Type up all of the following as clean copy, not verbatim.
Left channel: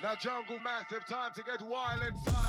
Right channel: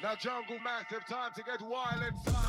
Now jungle massive, time to get wild inside.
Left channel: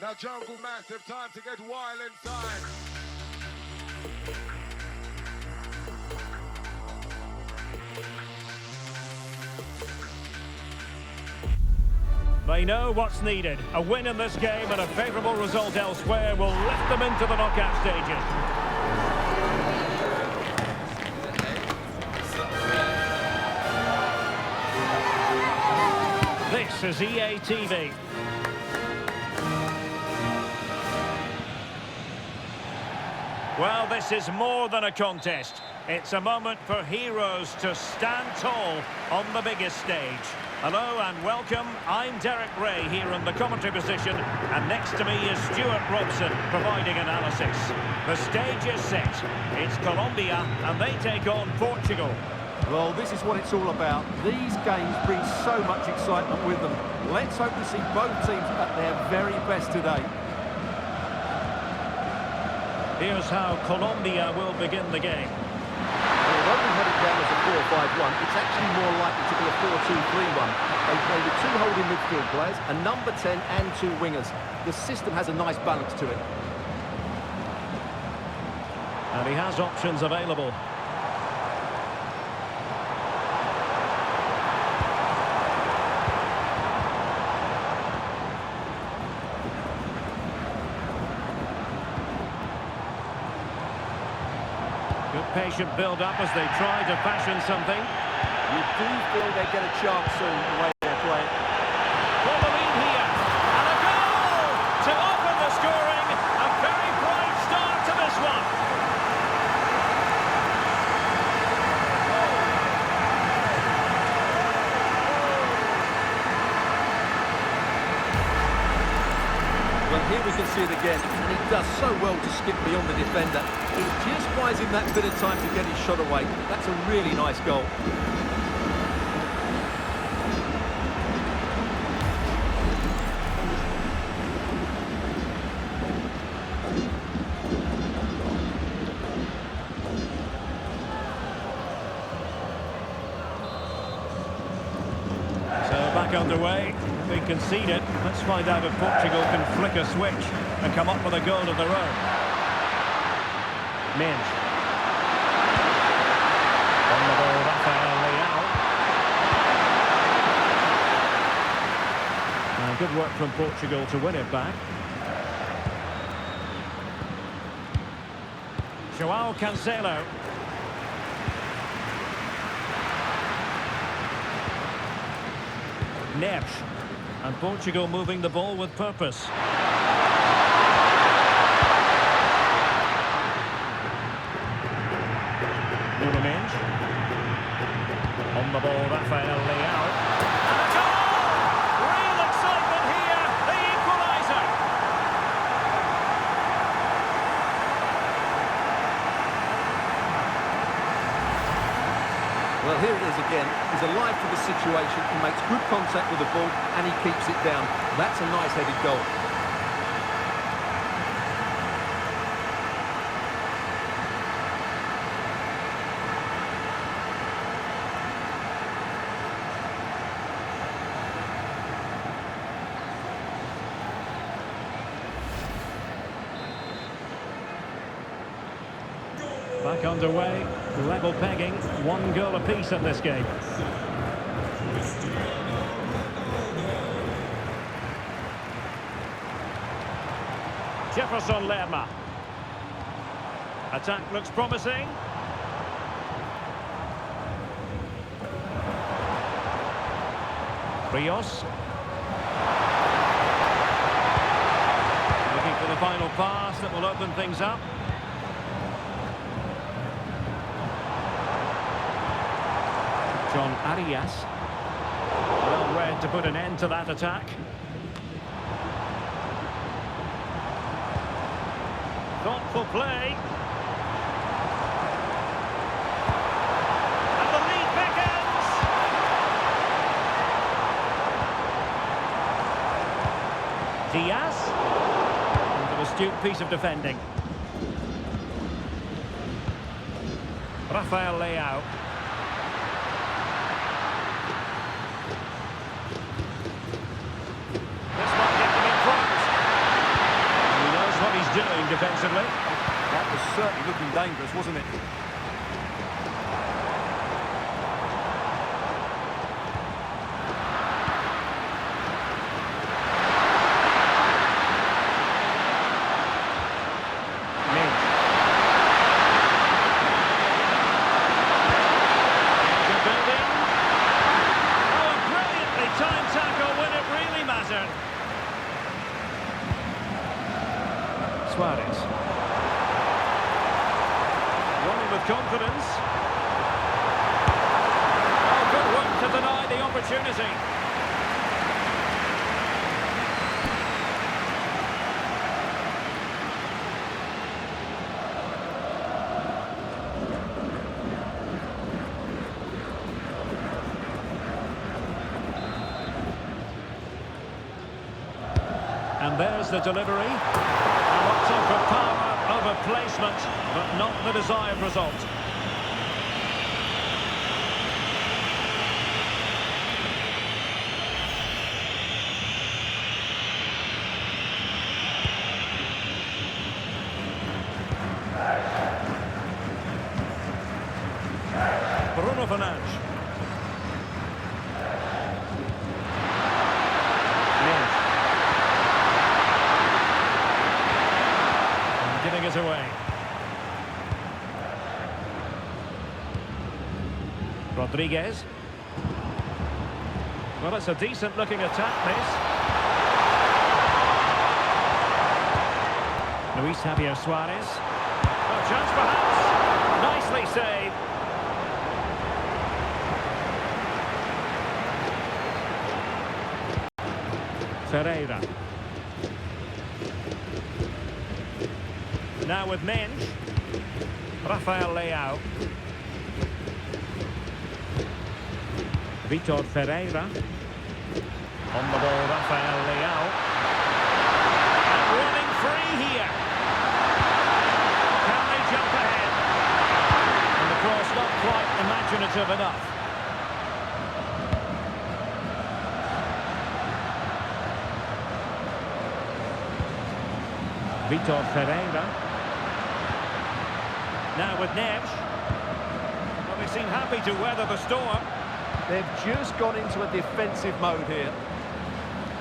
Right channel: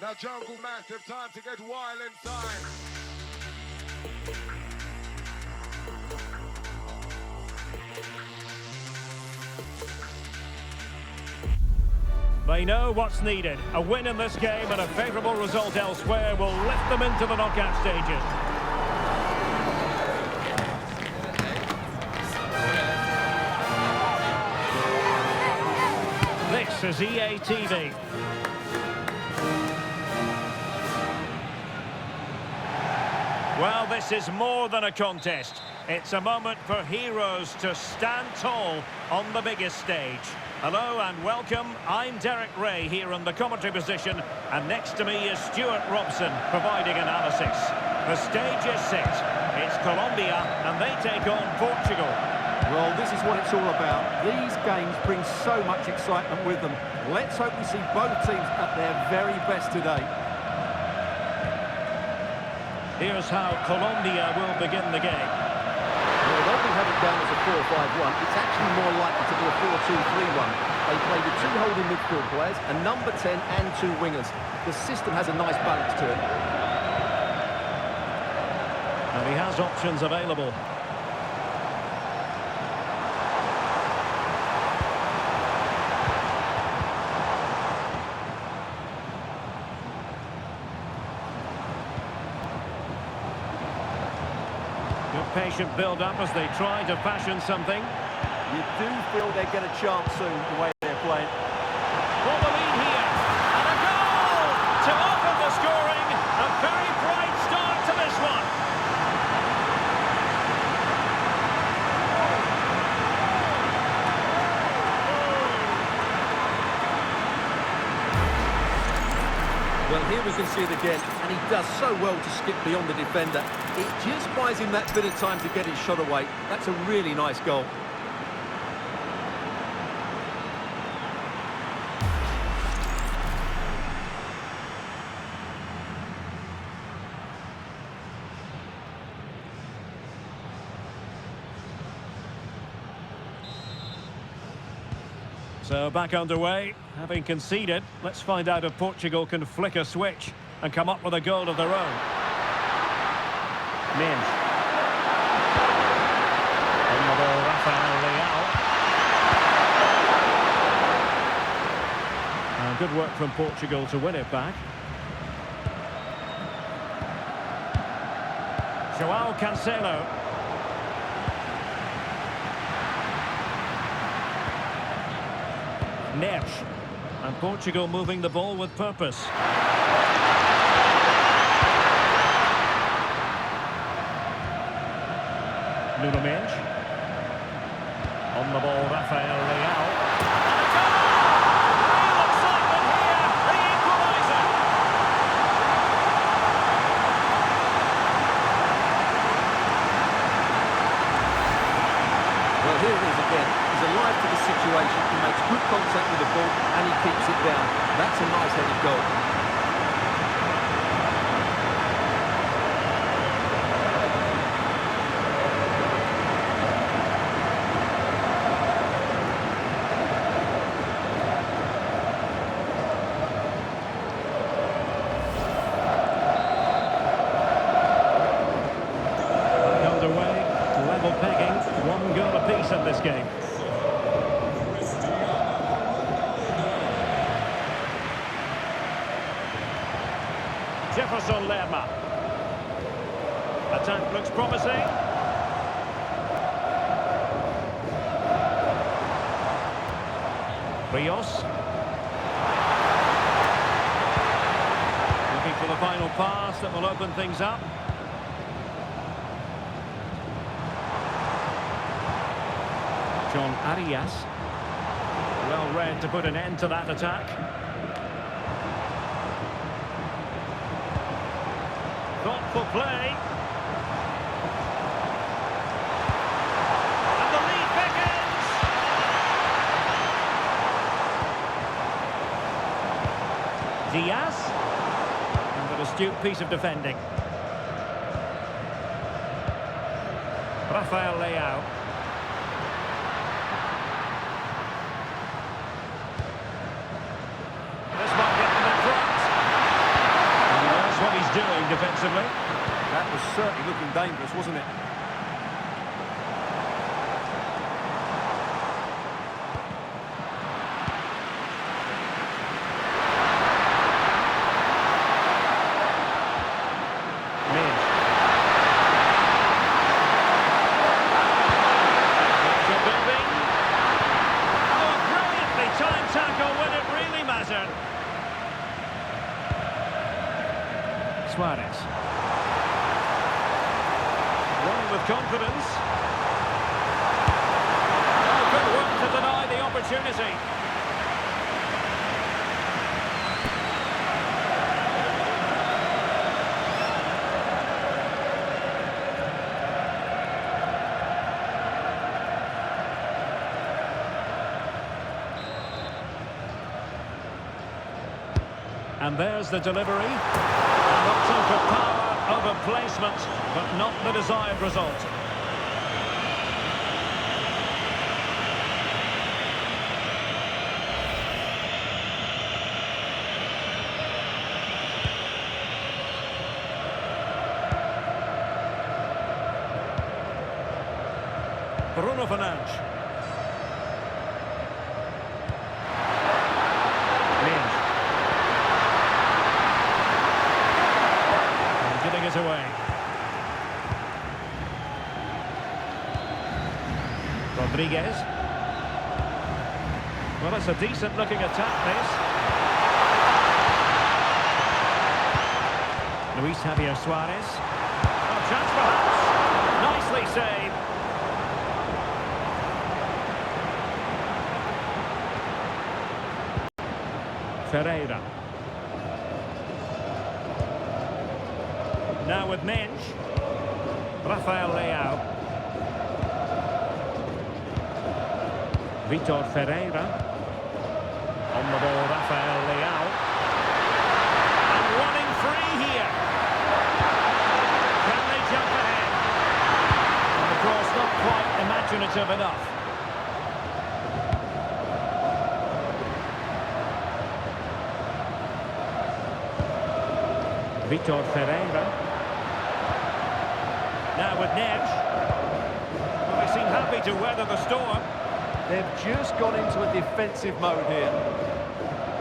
Now jungle massive, time to get wild inside. They know what's needed. A win in this game and a favourable result elsewhere will lift them into the knockout stages. This is EA TV. Well, this is more than a contest. It's a moment for heroes to stand tall on the biggest stage. Hello and welcome. I'm Derek Ray here in the commentary position, and next to me is Stuart Robson providing analysis. The stage is set. It's Colombia and they take on Portugal. Well, this is what it's all about. These games bring so much excitement with them. Let's hope we see both teams at their very best today. Here's how Colombia will begin the game. Well, although we have it down as a 4-5-1, it's actually more likely to be a 4-2-3-1. They play with two holding midfield players, a number 10 and two wingers. The system has a nice balance to it. And he has options available. Good patient build-up as they try to fashion something. You do feel they get a chance soon, the way they're playing. For the lead here, and a goal to open the scoring. A very bright start to this one. Well, here we can see it again, and he does so well to skip beyond the defender. It just buys him that bit of time to get his shot away. That's a really nice goal. So back underway, having conceded. Let's find out if Portugal can flick a switch and come up with a goal of their own. Minge. On the ball, Rafael Leao. And good work from Portugal to win it back. João Cancelo. Neves. And Portugal moving the ball with purpose. Nuno Mendes. On the ball, Rafael Leao. And a goal! Real excitement here, the equaliser. Well, here it is again. He's alive to the situation. He makes good contact with the ball and he keeps it down. That's a nice headed goal. underway. Level pegging, 1 goal apiece in this game. Jefferson Lerma. Attack looks promising. Rios. Looking for the final pass that will open things up. John Arias. Well read to put an end to that attack. Thoughtful play. And the lead beckons. Diaz. And an astute piece of defending. Rafael Leao. This might get them in front. And he knows what he's doing defensively. That was certainly looking dangerous, wasn't it? Minge. Danger building. Oh, a brilliantly timed tackle when it really mattered. Suarez. Running with confidence. Oh, good work to deny the opportunity. And there's the delivery. And opting for power over placement, but not the desired result. Bruno Fernandes. Minge. Giving it away. Rodriguez. Well, it's a decent looking attack, this. Luis Javier Suarez. Oh, chance perhaps. Nicely saved. Ferreira. Now with Minge. Rafael Leao. Vitor Ferreira. On the ball, Rafael Leao. And running free here. Can they jump ahead? And the cross not quite imaginative enough. Vitor Ferreira. Now with Neves. Well, they seem happy to weather the storm. They've just gone into a defensive mode here.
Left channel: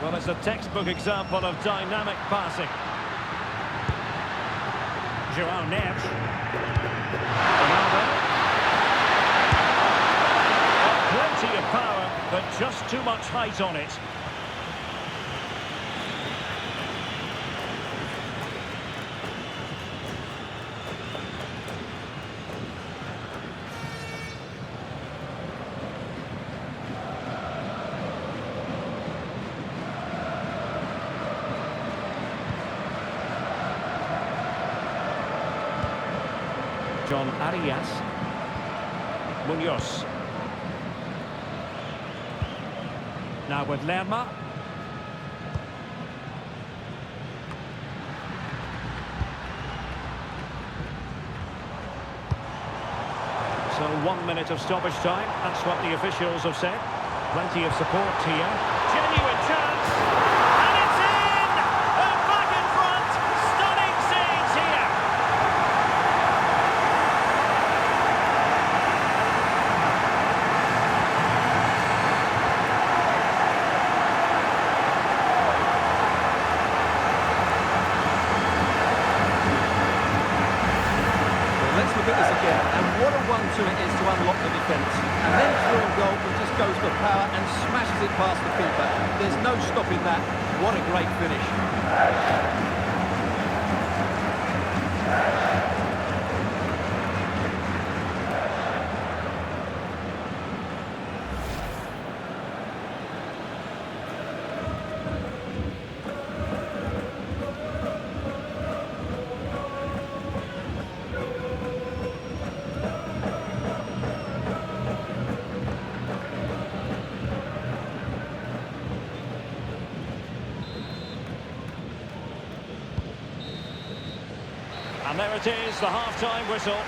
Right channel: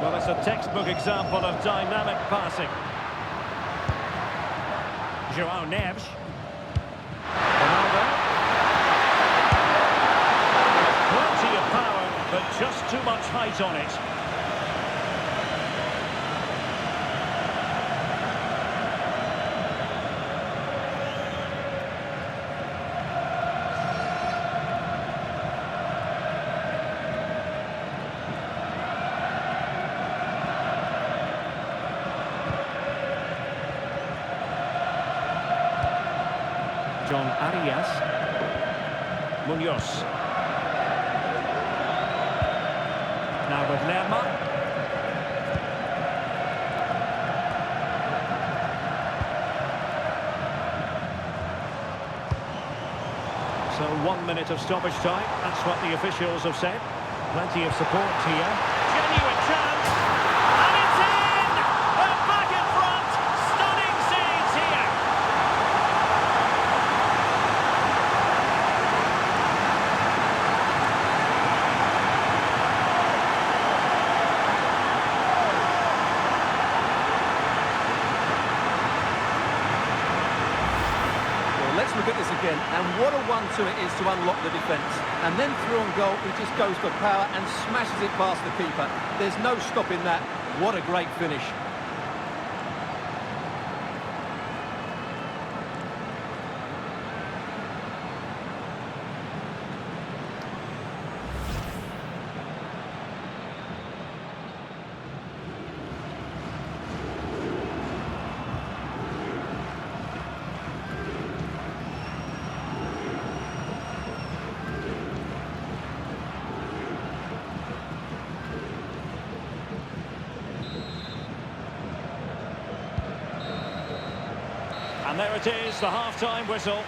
Well, it's a textbook example of dynamic passing. João Neves. Ronaldo. Got plenty of power, but just too much height on it. John Arias. Munoz. Now with Lerma. So 1 minute of stoppage time. That's what the officials have said. Plenty of support here. Genuine chance. And it's in! They're back in front. Stunning scenes here. Let's look at this again, and what a 1-2 it is to unlock the defence. And then through on goal, he just goes for power and smashes it past the keeper. There's no stopping that. What a great finish. And there it is, the half-time whistle.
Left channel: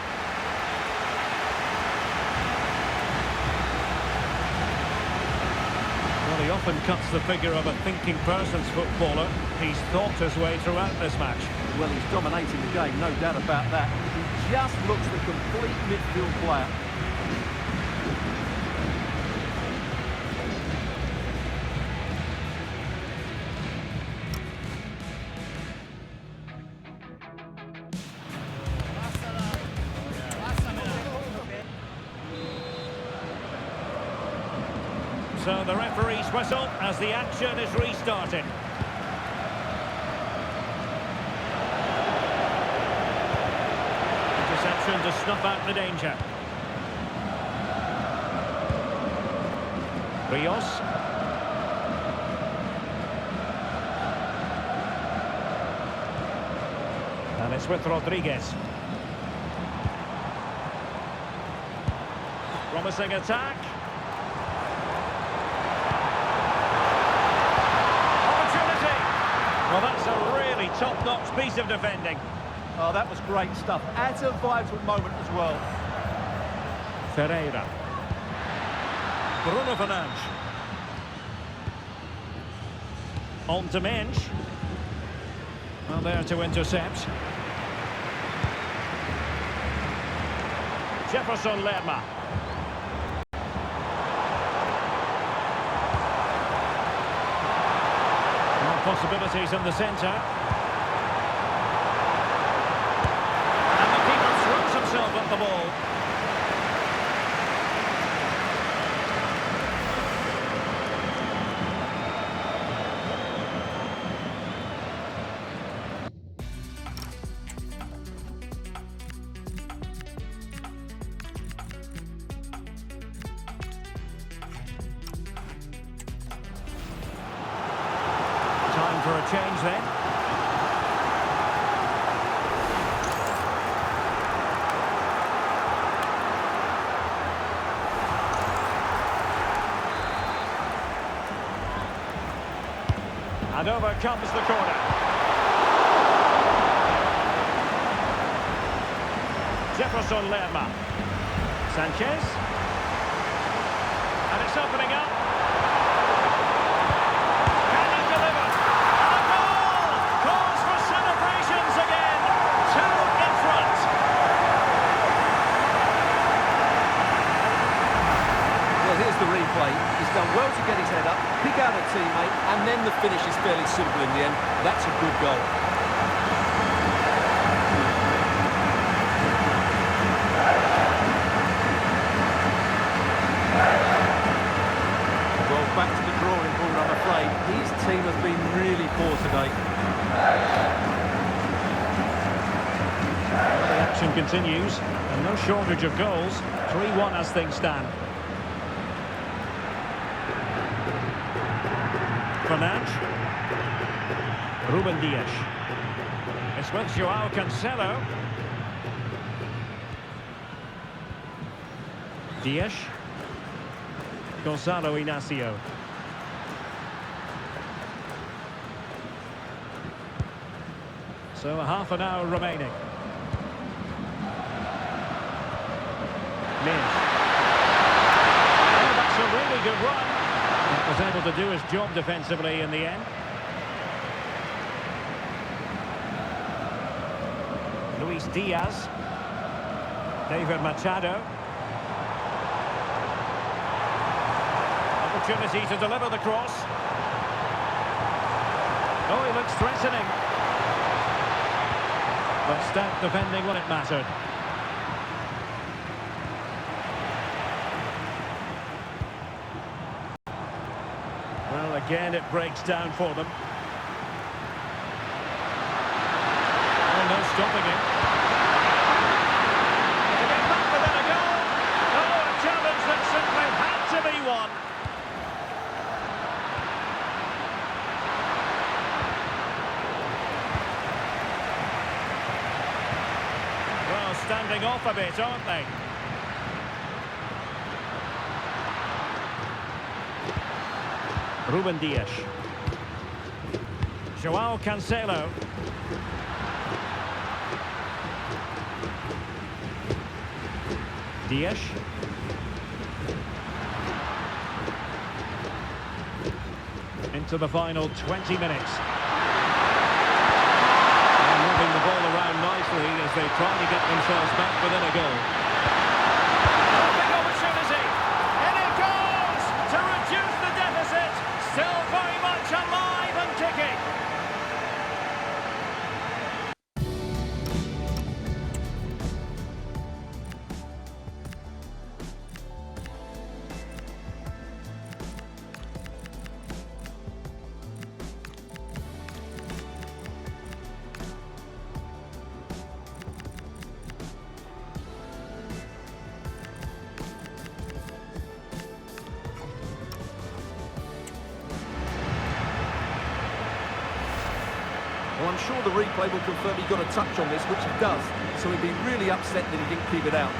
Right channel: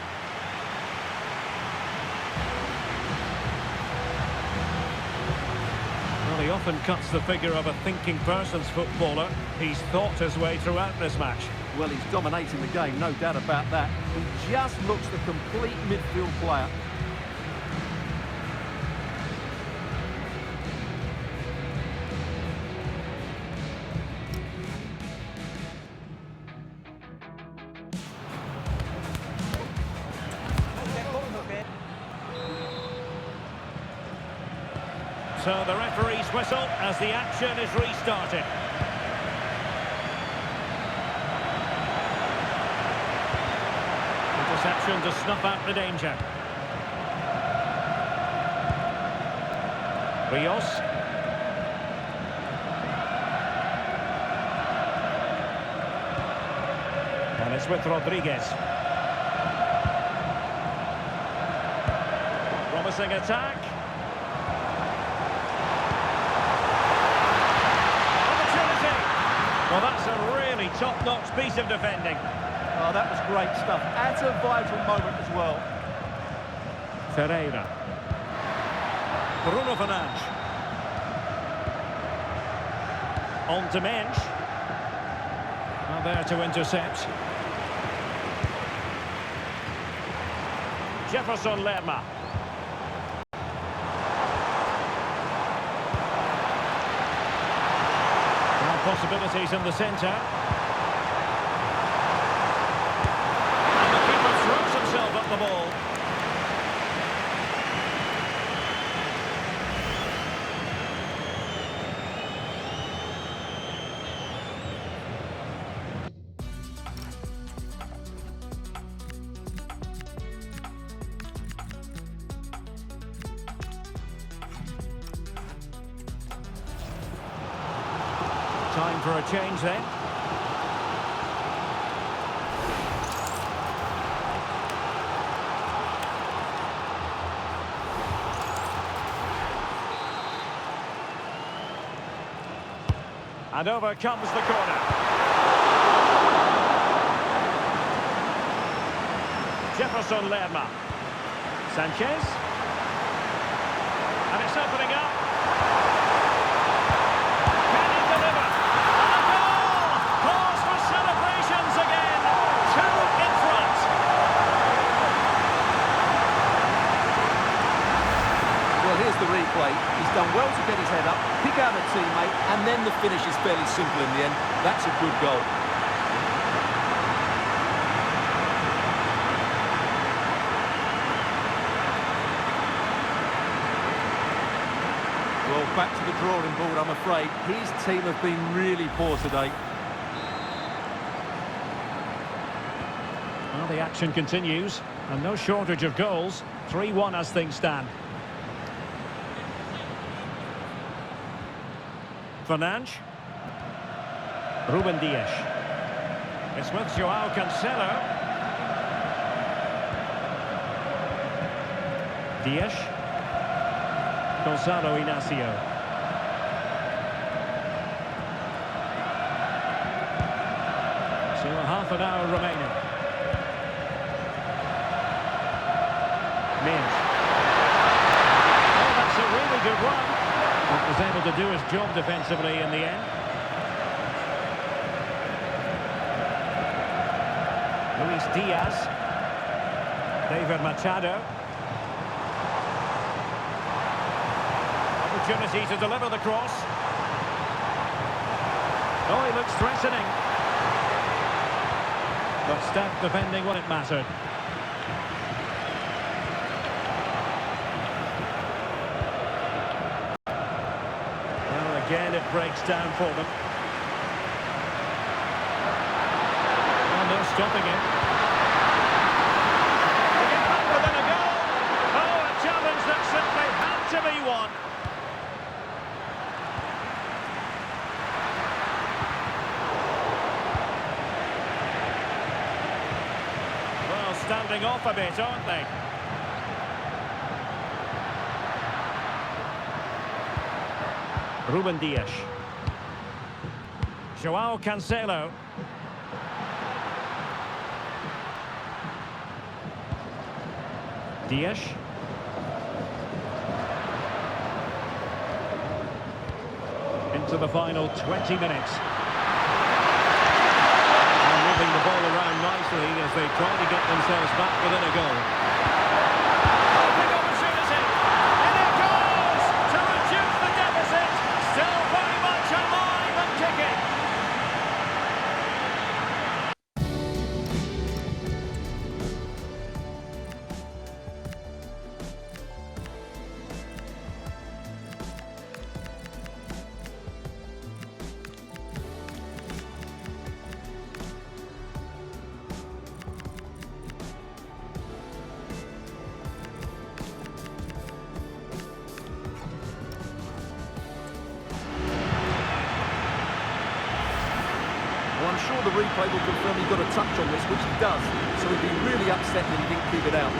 Well, he often cuts the figure of a thinking person's footballer. He's thought his way throughout this match. Well, he's dominating the game, no doubt about that. He just looks the complete midfield player. So the referee's whistle as the action is restarted. Interception to snuff out the danger. Rios. And it's with Rodriguez. Promising attack. Well, that's a really top-notch piece of defending. Oh, that was great stuff. At a vital moment as well. Ferreira. Bruno Fernandes. On to Mensch. Well, there to intercept. Jefferson Lerma. Possibilities in the centre. And the keeper throws himself at the ball. Time for a change then. And over comes the corner. Jefferson Lerma. Sanchez. And it's opening up. Celebrations again, 2 in front. Well, here's the replay. He's done well to get his head up, pick out a teammate, and then the finish is fairly simple in the end. That's a good goal. Well, back to the drawing board, I'm afraid. His team have been really poor today. Well, the action continues, and no shortage of goals. 3-1 as things stand. Fernandes. Ruben Dias. It's with Joao Cancelo. Dias. Gonzalo Inacio. So a half an hour remaining. Mensch. Oh, that's a really good run. That was able to do his job defensively in the end. Luis Diaz. David Machado. Opportunity to deliver the cross. Oh, he looks threatening. But stout defending when it mattered. Well, again, it breaks down for them. Oh, no stopping him. To get back within a goal. Oh, a challenge that simply had to be won. Well, standing off a bit, aren't they? Ruben Dias. João Cancelo. Dias. Into the final 20 minutes. And moving the ball around nicely as they try to get themselves back within a goal. Oh, big opportunity! And it goes to reduce the deficit. Still very much alive and kicking. Well, I'm sure the replay will confirm he got a touch on this, which he does, so he'd be really upset that he didn't keep it out.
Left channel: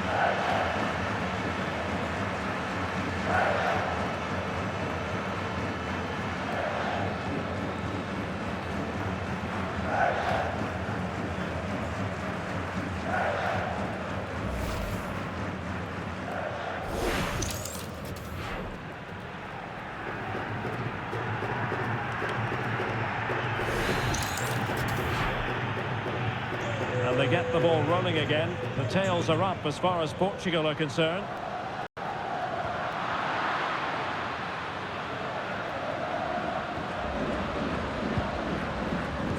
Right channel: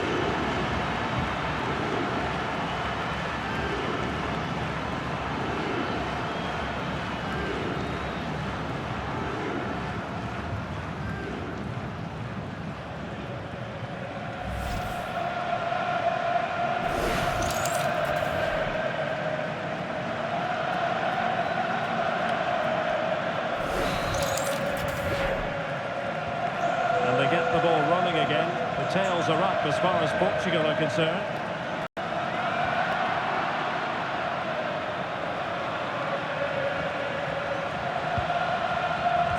And they get the ball running again. The tails are up as far as Portugal are concerned.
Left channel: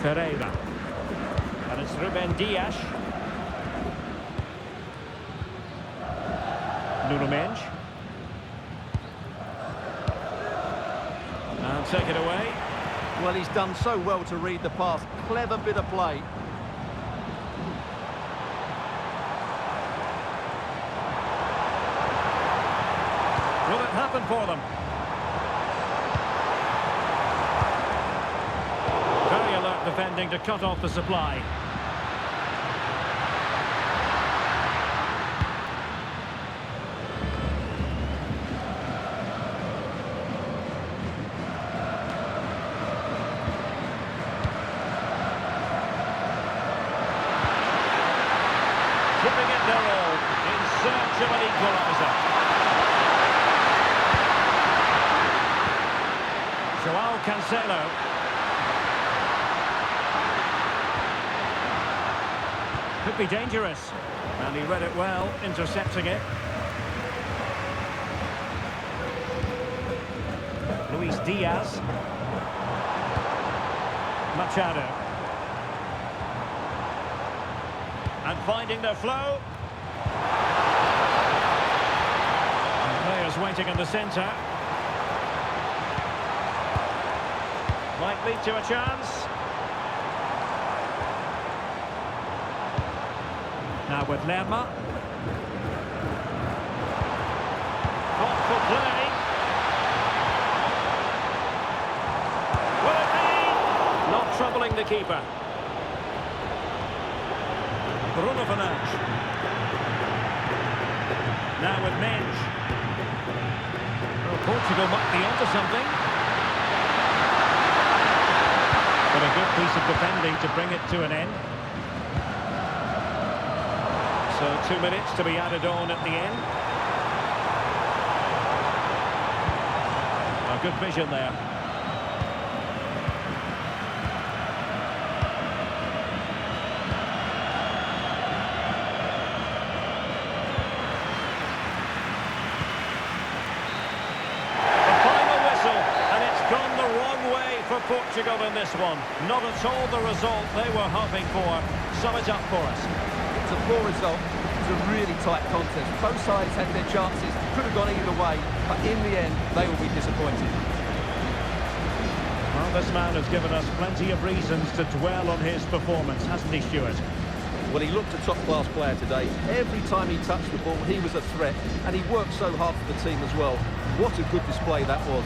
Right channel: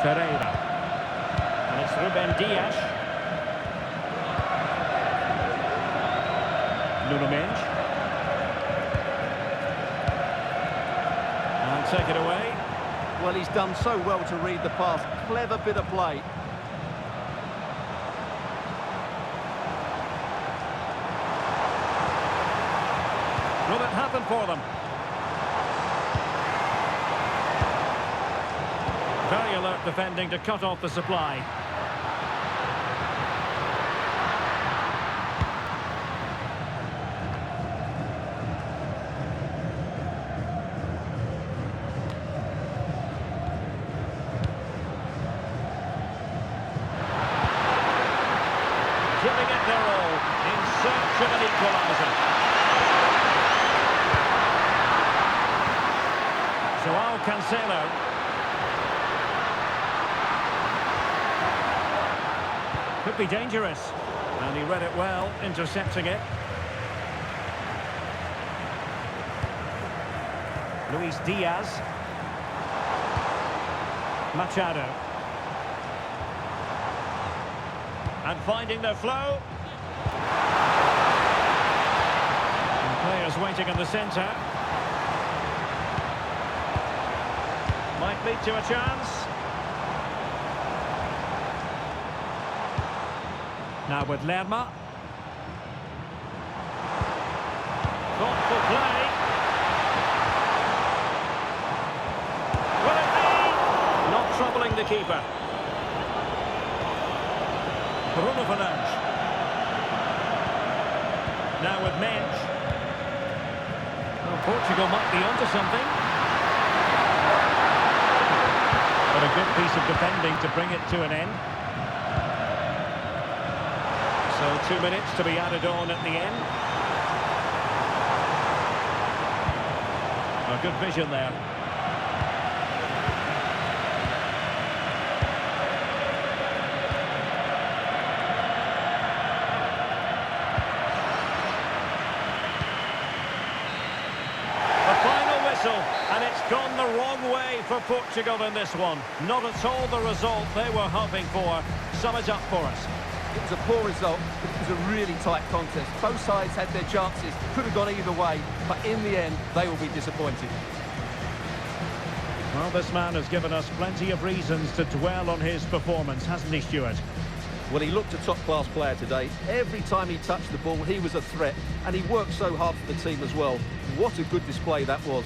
Ferreira. And it's Ruben Dias. Nuno Mendes. And take it away. Well, he's done so well to read the pass. Clever bit of play. Will it happen for them? Very alert defending to cut off the supply. Giving it their all in search of an equaliser. João Cancelo. Could be dangerous. And he read it well, intercepting it. Luis Diaz. Machado. And finding their flow. And players waiting in the centre. Might lead to a chance. Now with Lerma. Thoughtful play. Will it be? Not troubling the keeper. Bruno Fernandes. Now with Mendes. Well, Portugal might be onto something. But a good piece of defending to bring it to an end. So 2 minutes to be added on at the end. A good vision there. And it's gone the wrong way for Portugal in this one. Not at all the result they were hoping for. Sum it up for us. It was a poor result. It was a really tight contest. Both sides had their chances. Could have gone either way. But in the end, they will be disappointed. Well, this man has given us plenty of reasons to dwell on his performance, hasn't he, Stuart? Well, he looked a top-class player today. Every time he touched the ball, he was a threat, and he worked so hard for the team as well. What a good display that was.